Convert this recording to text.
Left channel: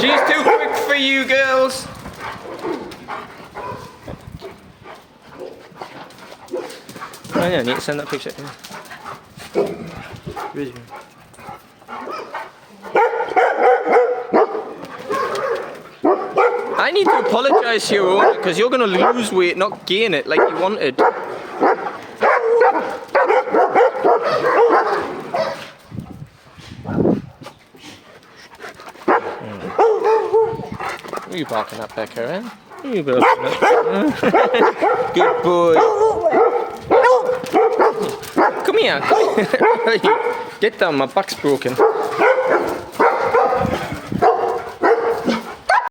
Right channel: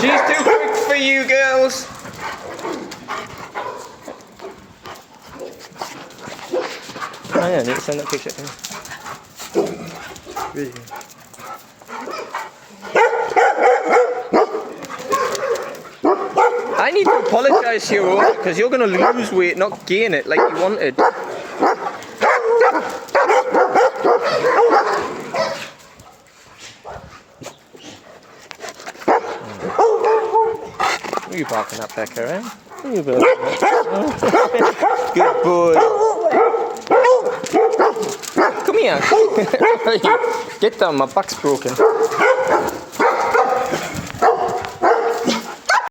She's too quick for you girls. Oh yeah, I need to send that picture. Yeah. Video. I need to apologise to your owner because you're going to lose weight, not gain it like you wanted. Who are you barking at, Becca, eh? Who are you barking at? Good boy. Come here. Get down, my back's broken.